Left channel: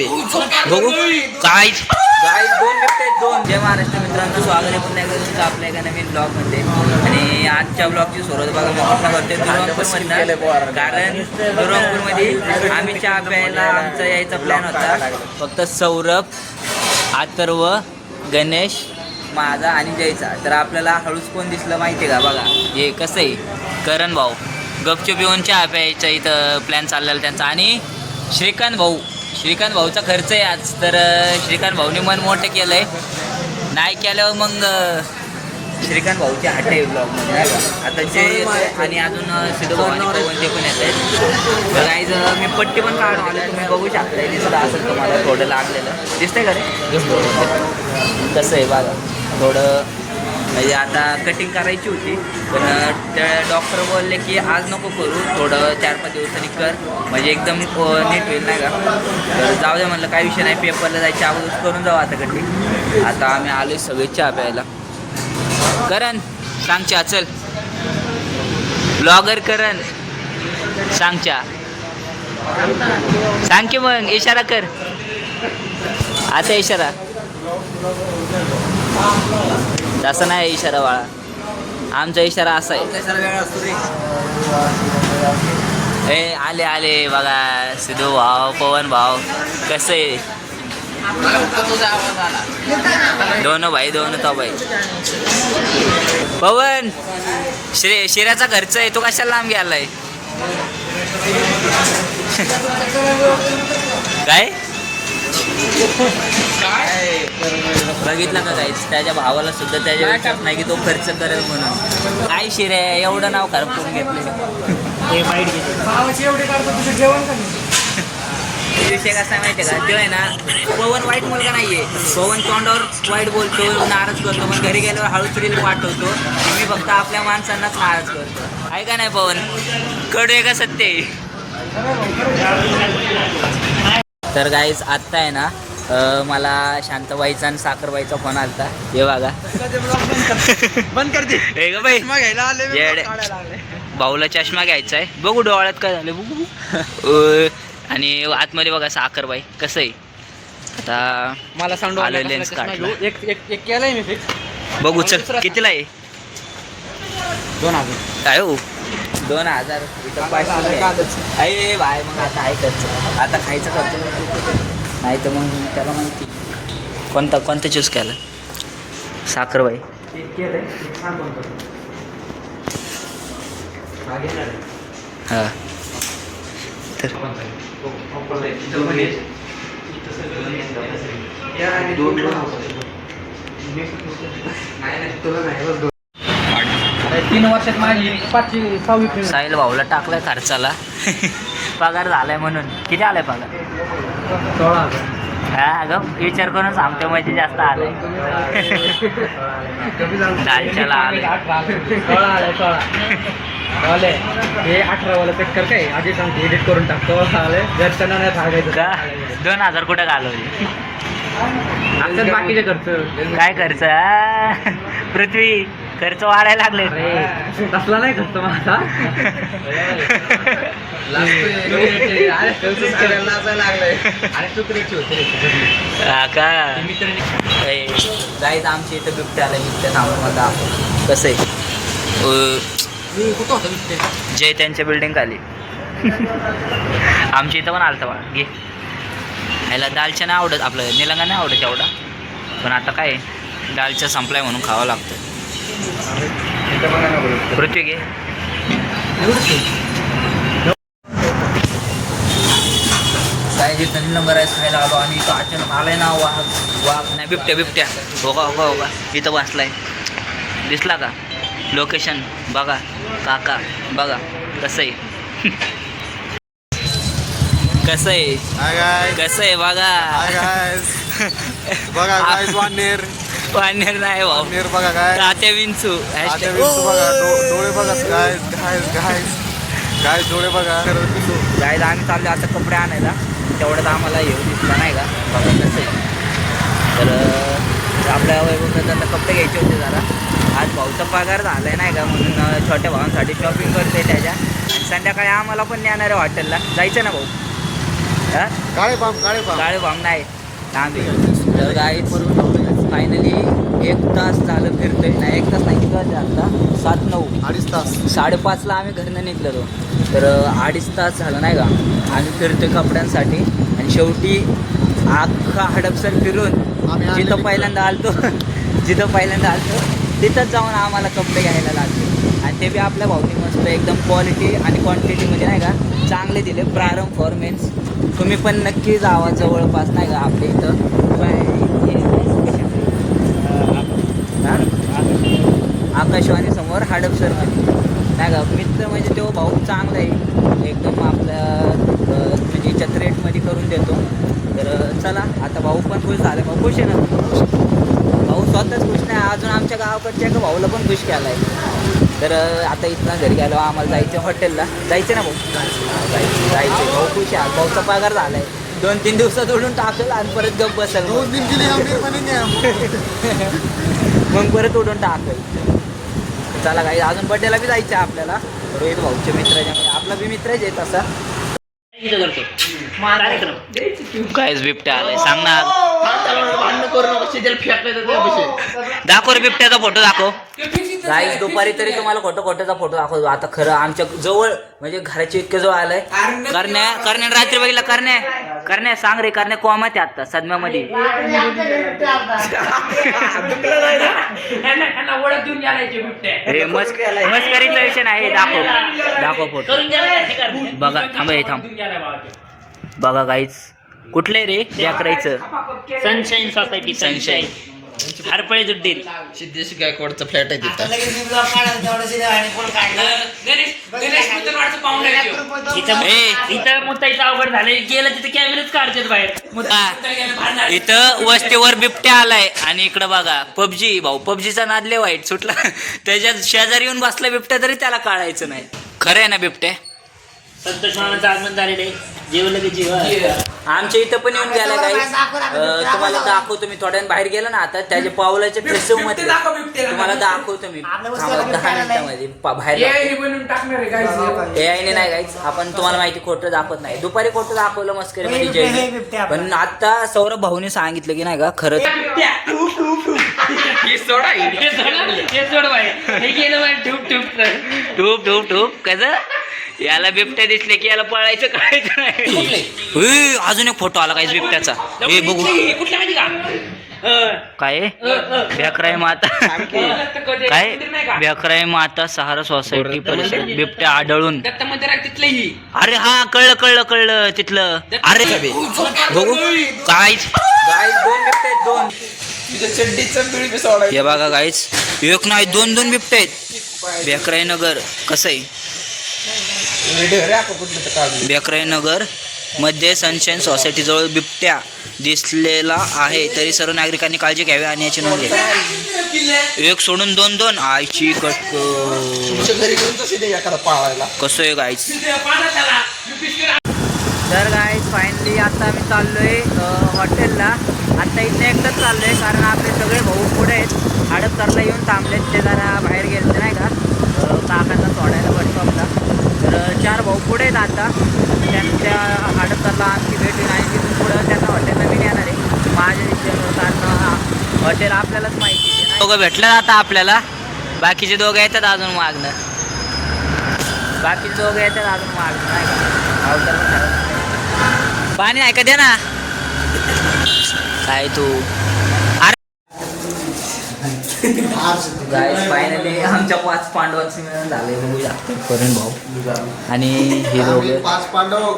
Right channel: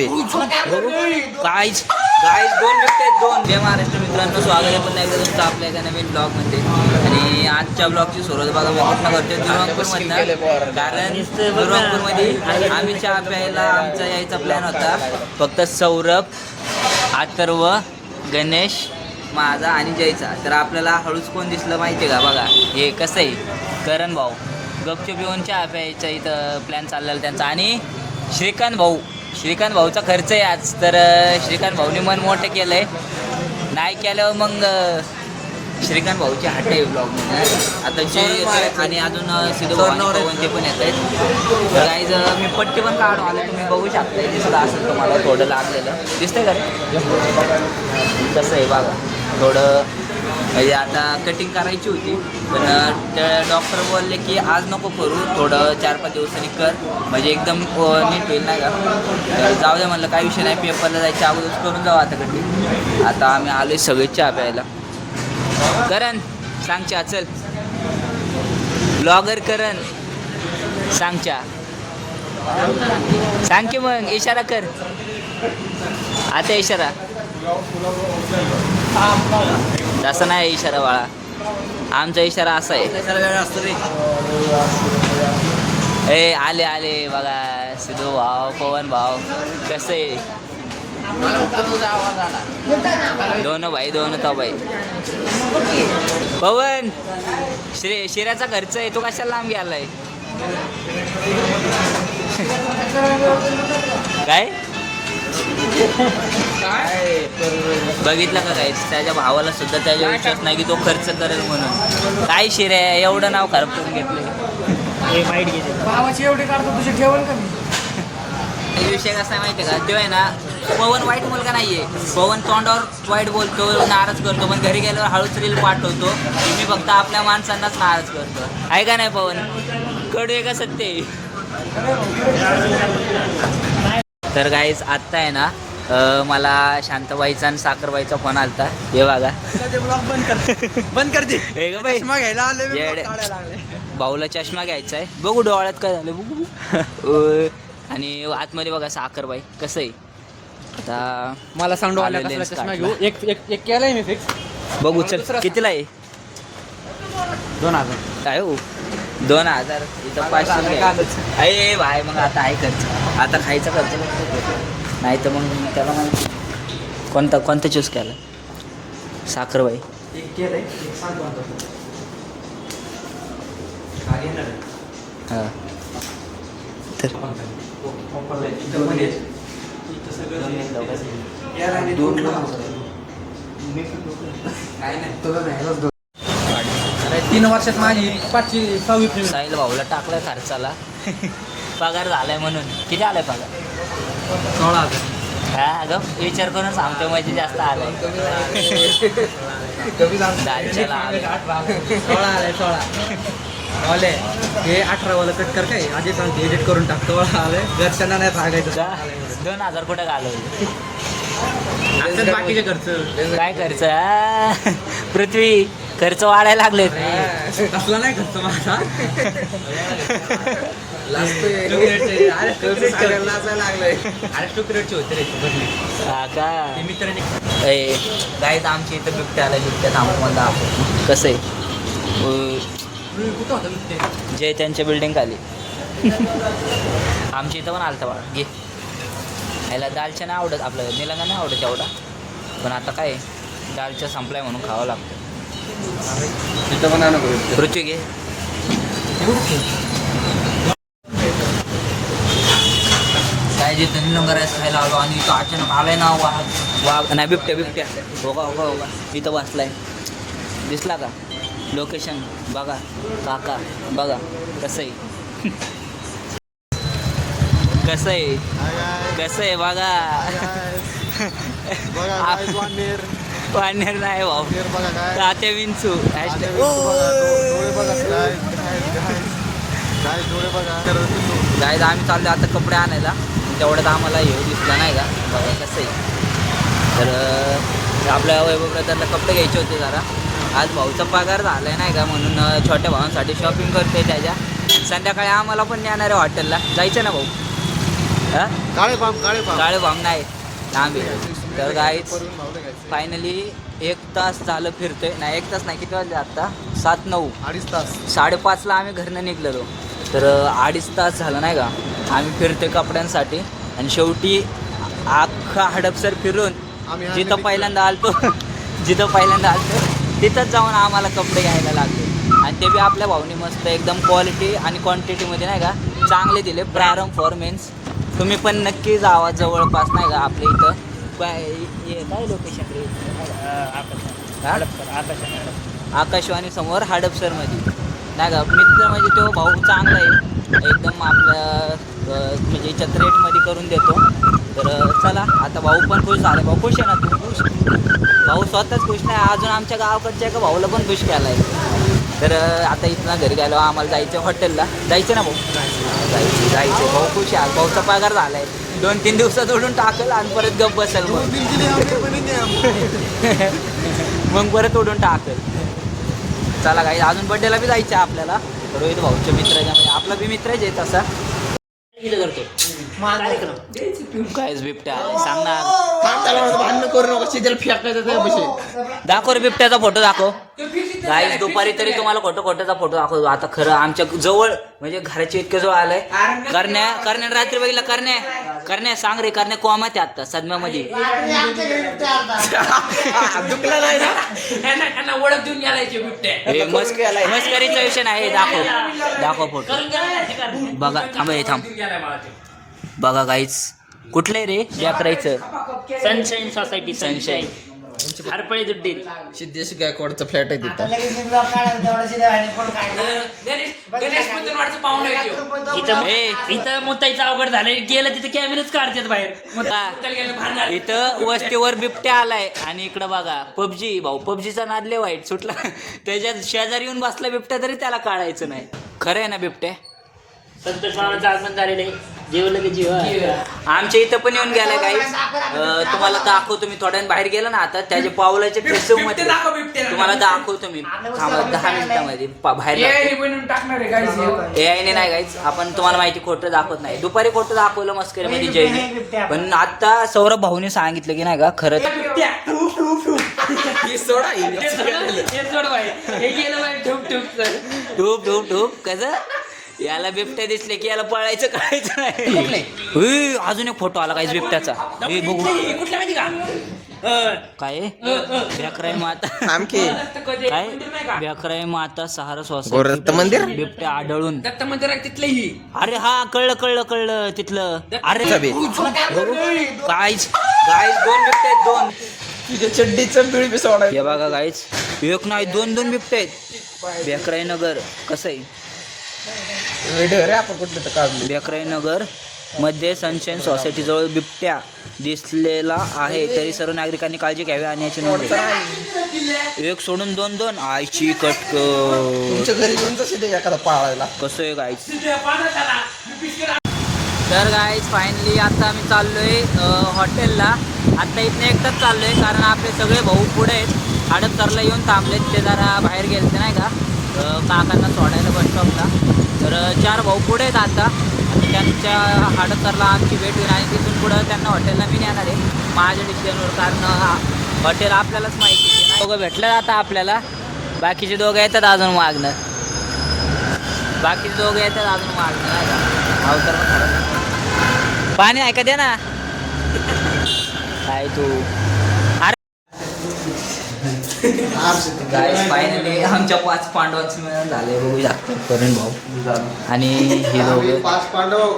बे बघू काहीच गाईज 2 बिबटे आहेत 2. जय महाराष्ट्र मित्रांनो, स्वागत आहे पुन्हा एकदा तुमचं आपल्या एका नवीन ब्लॉगमध्ये. आणि आजच्या ब्लॉगची सुरुवात बघा मी कुठनं करते दुरंगपूरमधनं. कारण दुरंगपूरमध्ये आम्ही चहा प्यायला आमचा यायचा प्लॅन होता. फक्त सौरभ, अथर्व, गणेश, माझा आणि जयचा. तर आपल्याला हळूच कोण दिसलं माहिती आहे का? बघा हे कसं आहे, करण भाऊ गपचूप येऊन चहा प्यायचा इथं प्लॅन चाललेला त्यांचा. आणि श्रीकांत भाऊचा खर्च आहे आज. तर श्रीकांत भाऊने मन मोठं केलं आहे. नाही केल्यावर मग श्रीकांत भाऊची हाट आहे ब्लॉगमध्ये नाही का. आता जे येतोय आणि अजून सिद्धू भाऊ आणि पवन ते पण येत आहेत. तर काहीच मी पट्टी पण काढून आलो, तुम्ही बघू शकता. दिसत असेल तुम्हाला थोडं लागलेलं दिसतंय का रे? कसं आहे बघा, थोडं म्हणजे आता कटिंग करायची होती पण त्या डॉक्टर बोलले की आज नको करू, थोडं 4-5 दिवसांनी कर म्हणजे एकदम नीट होईल नाही का. तर जाऊ द्या म्हणलं, काही विषय नाही, पेपरला जायच्या अगोदर करून जाऊ आता कटिंग. आता आम्ही आलोय सगळे चहा प्यायला. करण सांग चहा, चल ब्लॉगर करण सांग चहा, सांग की मग इशारा कर आता. इशारा तसं नाही इशारा बाळा, आमचा इशारा असा आहे. ए आले आले बघा सिद्धू भाऊ, पवन भाऊ. कसं आहे दोन भाई दोन तो भाई. पवन शिऱ्याचा खर्च आहे, तो कशाला लांब गेलाय काय? बघितलं का काय? त्याच्या भावाला सुद्धा त्याच्या विश्वास नाही की तो खर्च करेल म्हणून. काय शिऱ्या एवढं नाव खराब करून घेतलं. विषय कसा आहे माहिती आहे का? तो आहे ना, पवन वाईट मुलगा नाहीये. पवन तोंडावर वाईट बोलतो, नाराज करतो, पण घरी गेल्यावर हळूच रील पाठवतो. मी फक्त आपल्या माणसांनाच नाराज करतो. आहे का नाही पवन? कडू आहे का सत्य आहे? तर गाईज आत्ता आहे ना मला शांतबाईचा आणि साखरबाईचा फोन आलता. हे बघा बंद कर दे बाई, भाऊला चष्मा घ्यायचा आहे. बघू डोळ्यात काय झालं बघू. आणि आतमध्ये बघा साखरबाई. कसं आहे आता मला सांग आलं लेन्स काढला. एक केलाय मी फिक्स. बघू चल कितीला आहे? 2000 काय हो? 2000 इथं 500 आहे भाई. मग आता आहे खर्च, आता खायचा खर्च नाही तर मग त्याला माहिती कोणतं चूज केलं. साखरबाई हां तर अरे 3 वर्षात माझी 5वी 6वी साहिल भाऊला टाकलाय खर्चाला. पगार झालाय म्हणून. किती आलाय पगार? 16,000. हा अगं विचार करून सांगतो म्हणजे जास्त आलाय. दालच्याला आलाय 16 हे 18 वाला कट कर काय आधी सांगते, एडिट करून टाकतो. आले घरच्यांना नाही सांगायचं का 2000 कुठं घालवले? असं बाकीचे खर्च काय खर्च? पृथ्वी खर्च वाढायला लागले. तसला नाही खर्च माझा. हा का गाईज आमची इथं बिबट्या आला. बिबट्या थांबून मला दाखव कसं आहे. जय त्यांच्या बिल्डिंग खाली. आमच्या इथं पण आलता बा. घे ह्याला दालच्या नाही आवडत, आपलं निलंगा नाही आवडत एवढा. पण आता काय दालच्या संपलाय म्हणून खावं लागतं. पृथ्वी घे. काय जे निलंगा राईस खायला आलो आणि इथं अचानक आलाय ना वाघ नाही बिबट्या. हो का इथं बसलाय. दिसला का? लोकेशन बघा काका, बघा कसं आहे. कसं आहे बघा. वानेर नाही भाऊ, तात्या विंचू. गाईज आम्ही चाललो आता कपडे आणायला. तेवढ्यात आम्हाला हे दिसला नाही का. बघा कसं आहे. तर आपल्या वैभव प्रकारला कपडे घ्यायचे होते जरा. आज भाऊचा पगार झाला आहे नाही का, म्हणून छोट्या भावांसाठी शॉपिंग करतोय त्याच्या. आणि संध्याकाळी आम्हाला पण नेणार आहे हॉटेलला. जायचं ना भाऊ? हा? काळे पाम काळे भाम नाही लांबे. तर गाईच फायनली 1 तास झालं फिरतोय. नाही 1 तास नाही, किती वाजले आता? 7-9. 2.5 तास. 5:30ला आम्ही घरनं निघलेलो. तर 2.5 तास झालं नाही का आम्ही फिरतोय कपड्यांसाठी. आणि शेवटी अख्खा हडपसर फिरून जिथं पहिल्यांदा आलतो तिथंच जाऊन आम्हाला कपडे घ्यायला लागले. आणि ते बी आपल्या भाऊनी मस्त एकदम क्वालिटी आणि क्वांटिटीमध्ये नाही का चांगले दिले. प्रारंभ फॉर मेन्स. तुम्ही पण नक्की जावा जवळपास नाही का आपल्या इथं आकाशवाणी समोर हडपसरमध्ये नाही का. मित्र म्हणजे तो भाऊ चांगला आहे एकदम आपल्या म्हणजे रेटमध्ये करून देतो. तर चला आता भाऊ पण खुश झाला. भाऊ खुश आहे ना? भाऊ स्वतःच खुश नाही, अजून आमच्या गावाकडच्या एका भाऊला पण खुश केला आहे. तर आता इथनं घरी गेलो आम्हाला जायचं हॉटेलला. जायचं ना भाऊ? जायचं. भाऊ खुश आहे. भाऊचा पगार झाला आहे. 2-3 दिवसात उडून टाकेल आणि परत गप बसेल. मग परत उडून टाकेल. चला काही अजून बड्डेला बी जायचं आहे आपल्याला. रोहित भाऊच्या मित्राच्या म्हणजे आपला बी मित्रच आहे तसा. कायच बिबट्या आलाय सांग ना. दाखव रे बिबट्याचा फोटो दाखव. गाईस दुपारी तरी तुम्हाला खोटाचा फोटो दाखवतो. आता खरं आमच्या जवळ म्हणजे घराच्या इतकं जवळ आलंय. करण्या रात्री बघितलं. करण्या सांग रे. करण्या कोमात आहे आता सदम्यामध्ये. मस्करीचा विषय नाही. दाखव फोटो. बघा थांब. बघा गाईच कुठलंय रे या करायचं? Sunshine society. सनशाईन हरपळे जुड्डील सिद्धेश गायकवाडचा फ्लॅट आहे तिथं. इथं मुताईचं अवघड झालं. गेलं तिथं कॅमेराच काढतात बाहेर. इथं वस्तीवर बिबट्या आलाय. आणि इकडं बघा पबजी. भाऊ पबजीचा नादले वाईट सुटला. त्याच्यात शेजारी येऊन बसला बिबट्या तरी त्याला काढायचं नाही. खरं आहे ना बिबट्या? संतोष मामाचं आगमन झालेलं आहे. जेवलं की जीव. आमच्या इथं पण येऊन गेला काही. तुम्हाला दाखवतो मी थोड्या बाहेर गेलो ना आता त्याच्या पावलाच्या ड्रेसिंग मध्ये तुम्हाला दाखवतो मी. थांबा 10 मिनिटांमध्ये बाहेर एआयने नाही गाईच. आपण तुम्हाला माहिती खोटं दाखवत नाही. दुपारी खोटं दाखवलं मस्करीमध्ये जयने. पण आता सौरभ भाऊने सांगितलं की नाही का खरं ठूप कसं याला बिबट्या दिसले की याला पळायचं कळायचं नाही. अजून एक फोटो आला काहीच बिबट्याचा. हे बघू काय बेकराई माता. काय बेकराई माता सहारा सोसायटी बिबट्या आढळून. अरे हा कळलं तिथलं. अरे बघू काहीच 2 बिबट्या आहेत. 2 हे बघा गाईच 1 नाही 2 बिबट्या आहेत. बेकराई नगर कसं आहे? बेकराई नगर मध्ये सनशाईन सोसायटी जवळ बिबट्या दिसलेला आहे. तरी सर्व नागरिकांनी काळजी घ्यावी आणि याची नोंद घ्यावी. 1 सोडून 2 आईची कटक. कसं आहे गाईच? तर गाईज फायनली आता आम्ही चाललोय हॉटेलला. आता इथनं एकटाच चाललोय कारण आपले सगळे भाऊ पुढे आहेत. हडपसरला येऊन थांबलेत. ते जरा बाहेर गेले नाही का काकांना सोडायला बस स्टॉपला. तर 4 भाऊ पुढे आहेत आता. त्यांच्या हडपसरला आमची भेट होईल आणि तिथून पुढं त्यांना हॉटेलला मी नेणार आहे माझ्या डिसिजनवर. कारण हॉटेल आपल्यालाच माहिती आहे. दोघं भेटलं आता आपल्याला. बाकीचे दोघं येतात अजून मागणं नाही का. अवतर पण खरं पाणी आहे का दे ना. काय तू गाईस फायनली आमच्या 5 पांडवांचं मिळून झाले. बघू शकतो करण भाऊ आणि हे दोघं. 5 पांडव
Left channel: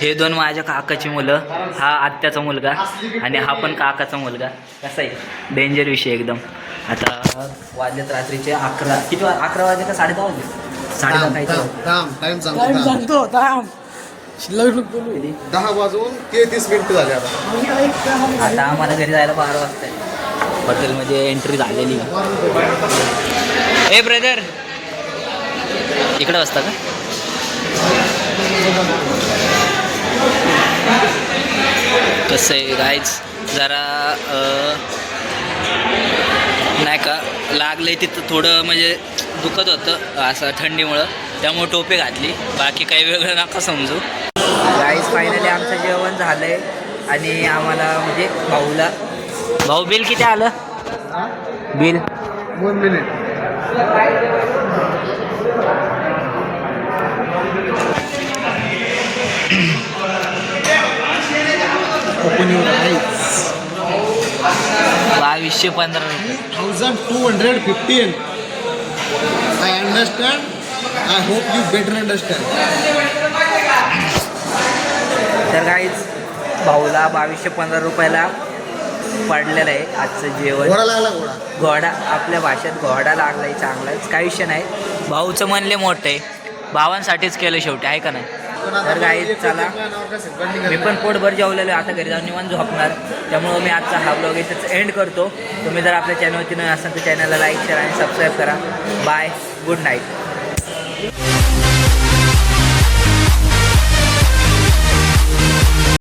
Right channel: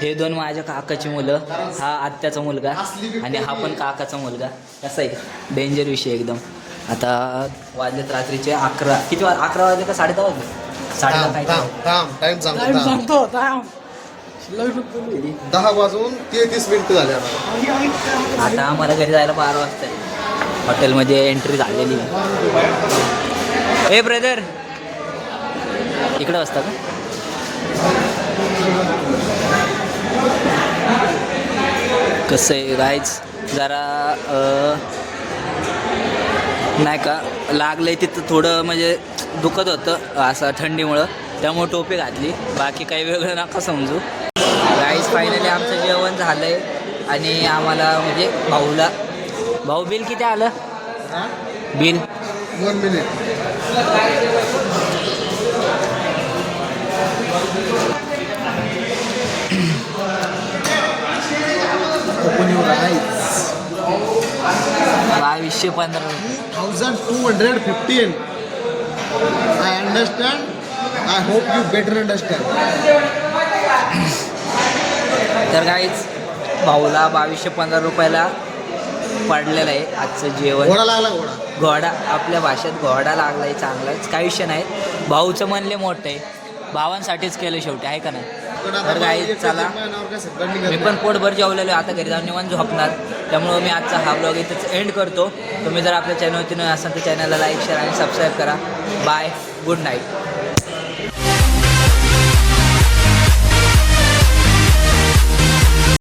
हे 2 माझ्या काकाची मुलं. हा आत्याचा मुलगा आणि हा पण काकाचा मुलगा. कसा आहे डेंजर विषय एकदम. आता वाजलेत रात्रीचे 11. किती 11 वाजले का 10:30 वाजले? 10:30. 10 वाजून 33 मिनिटं झाले आता. आता आम्हाला घरी जायला 12 वाजता आहे. हॉटेलमध्ये एंट्री झालेली. ए ब्रदर इकडे वाजता का? कसं आहे गाईज जरा नाही का लागलंय तिथं थोडं म्हणजे दुखत होतं असं थंडीमुळं. त्यामुळे टोपी घातली, बाकी काही वेगळं नका समजू. गाईस फायनली आमचं जेवण झालंय आणि आम्हाला म्हणजे भाऊ बिल किती आलं? Bill 1 minute. Open your eyes. 2215 रुपये. 1215. I understand. I hope you better understand. तर गाईच भाऊला 2215 रुपयाला पडलेलं आहे आजचं जेवण. घोडा लागला घोडा. घोडा आपल्या भाषेत घोडा लागलाय चांगलाच, काही विषय नाही. भाऊचं म्हणले मोठं आहे, भावांसाठीच केलं शेवटी, आहे का नाही. तर गाईज चला, मी पण पोटभर जेवलेलो आहे, आता घरी जाऊन निवांत झोपणार. त्यामुळं मी आजचा हा ब्लॉग इथंच एंड करतो. तुम्ही जर आपल्या चॅनलवरती नवीन असाल तर चॅनलला लाईक शेअर आणि सबस्क्राईब करा. Bye, good night.